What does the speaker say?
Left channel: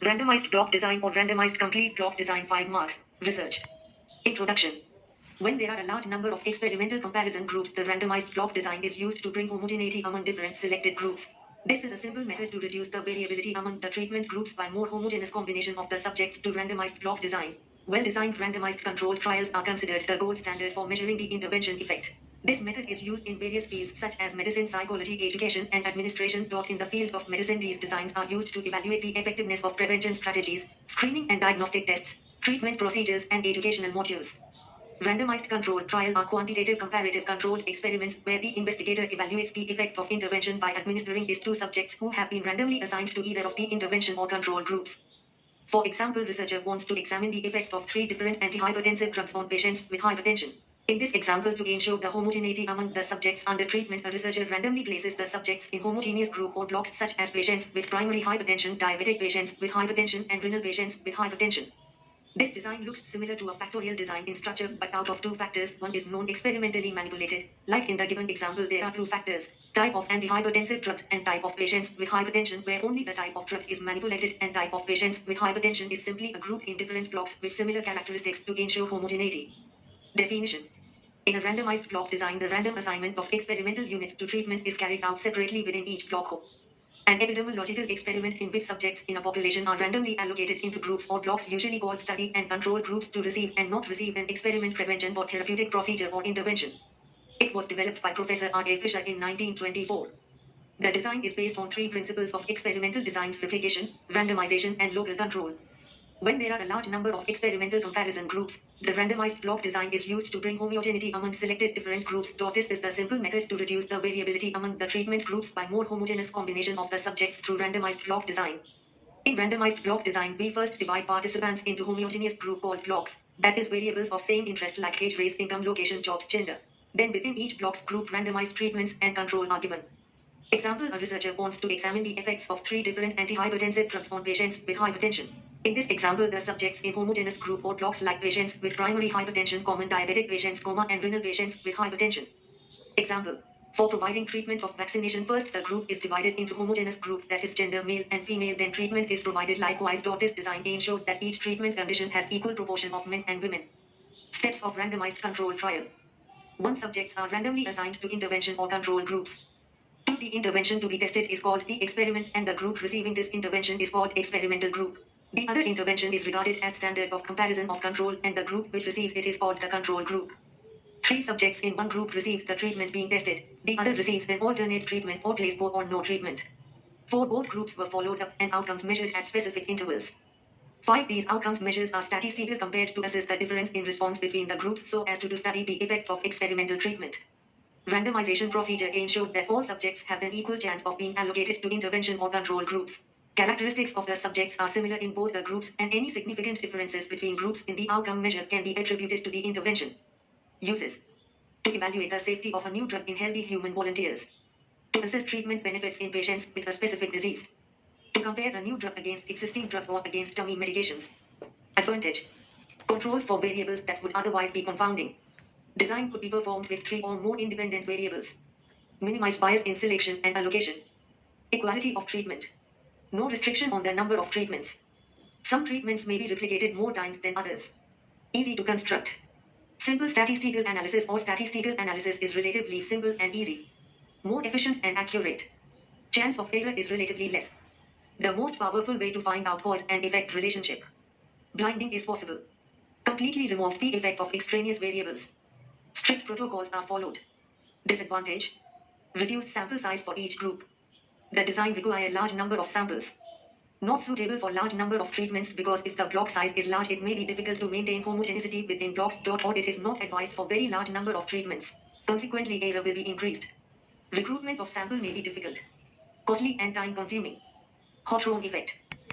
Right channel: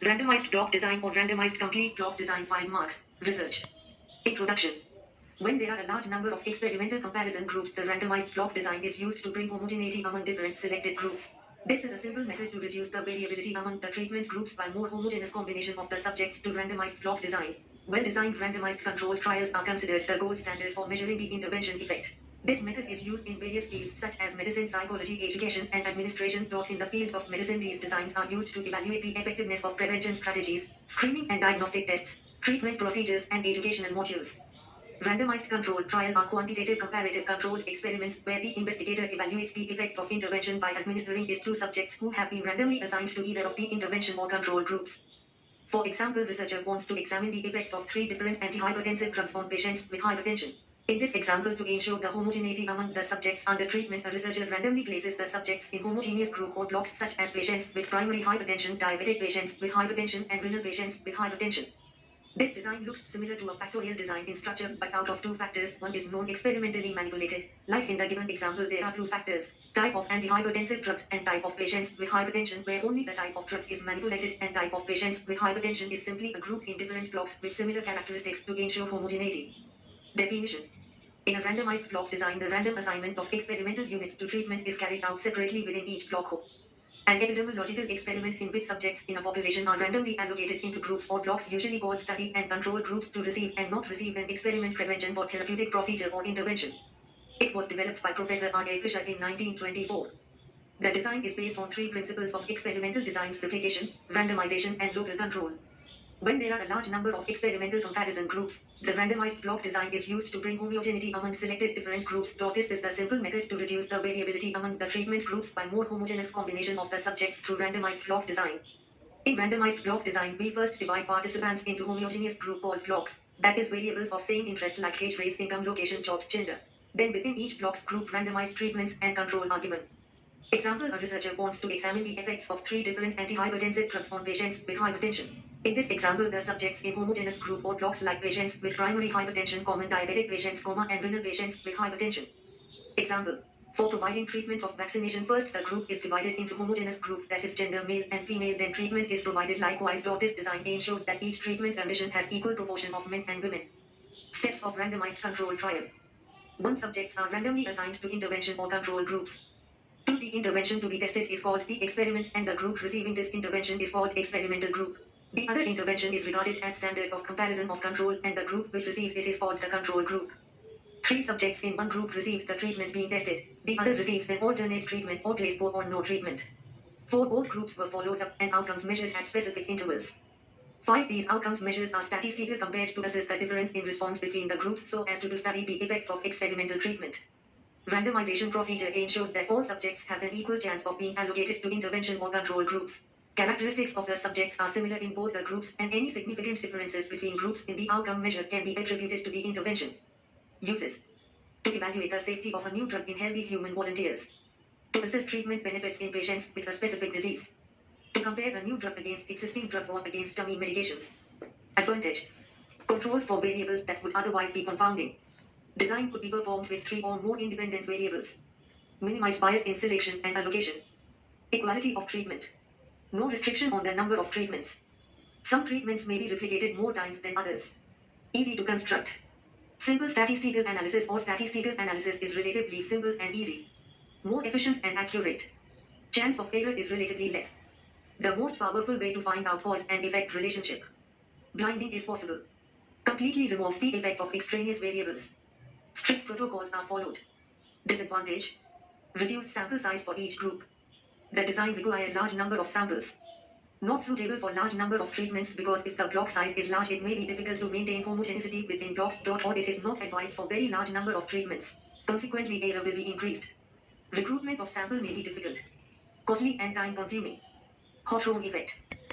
Randomized block design or randomized complete block design 5 marks. Research. Introduction. When there are a large number of experimental comparison groups, the randomized block design is used to bring homogeneity among different selected groups. This is a simple method to reduce the variability among the treatment groups by more homogeneous combination of the subjects to randomized block design. Well-designed randomized controlled trials are considered the gold standard for measuring the intervention effect. This method is used in various fields such as medicine, psychology, education, and administration. In the field of medicine, these designs are used to evaluate the effectiveness of prevention strategies, screening and diagnostic tests, treatment procedures, and educational modules. Randomized controlled trial are quantitative comparative controlled experiments where the investigator evaluates the effect of intervention by administering it to subjects who have been randomly assigned to either of the intervention or control groups. For example, researcher wants to examine the effect of 3 different antihypertensive drugs on patients with hypertension. In this example, to ensure the homogeneity among the subjects under treatment, a researcher randomly places the subjects in homogeneous group or blocks such as patients with primary hypertension, diabetic patients with hypertension, and renal patients with hypertension. This design looks similar to a factorial design in structure, but out of 2 factors, one is known experimentally manipulated. Like in the given example, there are 2 factors, type of antihypertensive drugs and type of patients with hypertension, where only the type of drug is manipulated and type of patients with hypertension is simply grouped in different blocks with similar characteristics to ensure homogeneity. Definition. In a randomized block design, the random assignment of experimental units to treatment is carried out separately within each block. An epidemiological experiment in which subjects in a population are randomly allocated into groups or blocks, usually called study and control groups, to receive and not receive an experiment prevention for therapeutic procedure or intervention. It was developed by Professor R.A. Fisher in 1924. The design is based on 3 principles of experimental designs: replication, randomization, and local control. When there are a large number of experimental comparison groups, the randomized block design is used to bring homogeneity among selected different groups. This is the simple method to reduce the variability among the treatment groups by more homogeneous combination of the subjects through randomized block design. In randomized block design, we first divide participants into homogeneous group called blocks, that is variables of same interest like age, race, income, location, jobs, gender. Then within each block's group, randomized treatments and control are given. Example, a researcher wants to examine the effects of 3 different antihypertensive drugs on patients with hypertension. In this example, the subjects in homogeneous group or blocks like patients with primary hypertension, common diabetic patients, and renal patients with hypertension. Example. For providing treatment of vaccination, first the group is divided into homogeneous group, that is gender male and female, then treatment is provided likewise. This design ensured that each treatment condition has equal proportion of men and women. Steps of randomized control trial. 1. Subjects are randomly assigned to intervention or control groups. 2. The intervention to be tested is called the experiment and the group receiving this intervention is called experimental group. The other intervention is regarded as standard of comparison of control and the group which receives it is called the control group. 3 subjects in one group received the treatment being tested. The other receives an alternate treatment or placebo or no treatment. 4. Both groups were followed up and outcomes measured at specific intervals. 5. These outcomes measures are statistical compared to assess the difference in response between the groups so as to study the effect of experimental treatment. Randomization procedure ensured that all subjects have an equal chance of being allocated to intervention or control groups. Characteristics of the subjects are similar in both the groups, and any significant differences between groups in the outcome measure can be attributed to the intervention. Uses. To evaluate the safety of a new drug in healthy human volunteers. To assess treatment benefits in patients with a specific disease. To compare a new drug against existing drug or against dummy medications. Advantage. Controls for variables that would otherwise be confounding. Design could be performed with 3 or more independent variables. Minimize bias in selection and allocation. Equality of treatment. No restriction on the number of treatments. Some treatments may be replicated more times than others. Easy to construct. Simple statistical analysis or statistical analysis is relatively simple and easy. More efficient and accurate. Chance of error is relatively less. The most powerful way to find out cause and effect relationship. Blinding is possible. Completely removes the effect of extraneous variables. Strict protocols are followed. Disadvantage. Reduced sample size for each group. The design requires a large number of samples. Not suitable for large number of treatments because if the block size is large it may be difficult to maintain homogeneity within blocks. Or it is not advised for very large number of treatments. Consequently error will be increased. Recruitment of sample may be difficult. Costly and time consuming. Hawthorne effect.